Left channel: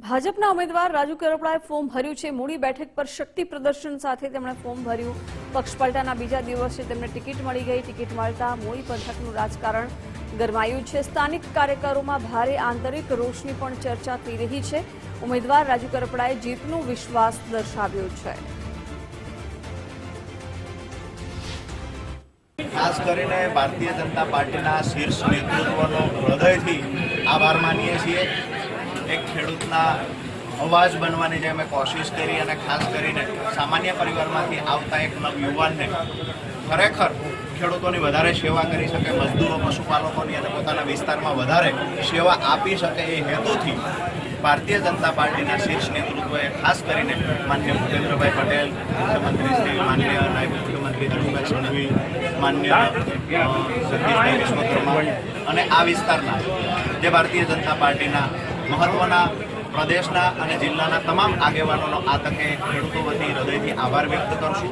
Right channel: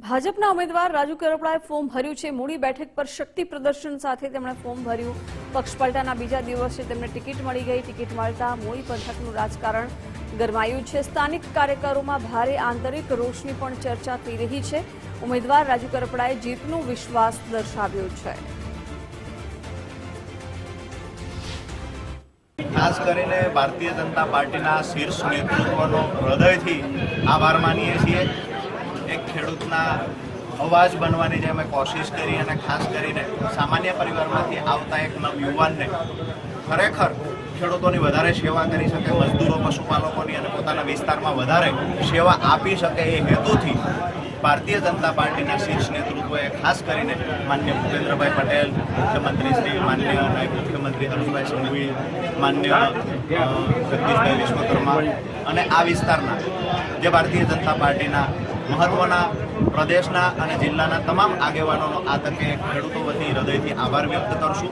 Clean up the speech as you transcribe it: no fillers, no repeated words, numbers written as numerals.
ભાજપના ઉમેદવાર રાજુ કરપડાએ ફોર્મ ભર્યું છે। મૂડી બેઠક પર શક્તિ પ્રદર્શન સાથે તેમણે ફોર્મ ભર્યું। પક્ષપલટાના બીજા દિવસે તેમને ટિકિટ મળી ગઈ। ટિકિટ મળતા મૂડી પંથકનું રાજકારણ ગરમાયું છે। સ્થાનિક કાર્યકરોમાં ભારે આંતરિક રોષની પણ ચર્ચા થઈ રહી છે। ઉમેદવાર રાજુ કરપડાએ જીતનો વિશ્વાસ દર્શાવ્યો છે। ખાસ કરીને ભારતીય જનતા પાર્ટીના શીર્ષ નેતૃત્વનો હૃદયથી આભાર માનીએ છીએ। એક ખેડૂતના અવાજ બનવાની જે અમે કોશિશ કરી અને ખાસ કરીને સામાન્ય પરિવારમાંથી આવતા એક યુવાનને ખરેખર ખેડૂતોની વધારે સેવા કરી શકે, મજદૂરો, પશુપાલકોની અને પોતાના વિસ્તારમાં વધારે સેવા આપી શકે એ હેતુથી ભારતીય જનતા પાર્ટીના શીર્ષ નેતૃત્વએ ખાસ કરીને માન્ય ભૂપેન્દ્રભાઈ પટેલ, મુખ્યમંત્રી શ્રી, માન્ય નાયબ મુખ્યમંત્રી હર્ષભાઈ સંઘવી, માન્ય જગદીશભાઈ વિશ્વકર્મા અને આ વિસ્તારના જે ભારતીય જનતા પાર્ટીના મહત્વના પ્રદેશના અને જિલ્લાના તમામ આગેવાનોનો આ તકે ખેડૂતો વતી હૃદયથી આભાર વ્યક્ત કરશું।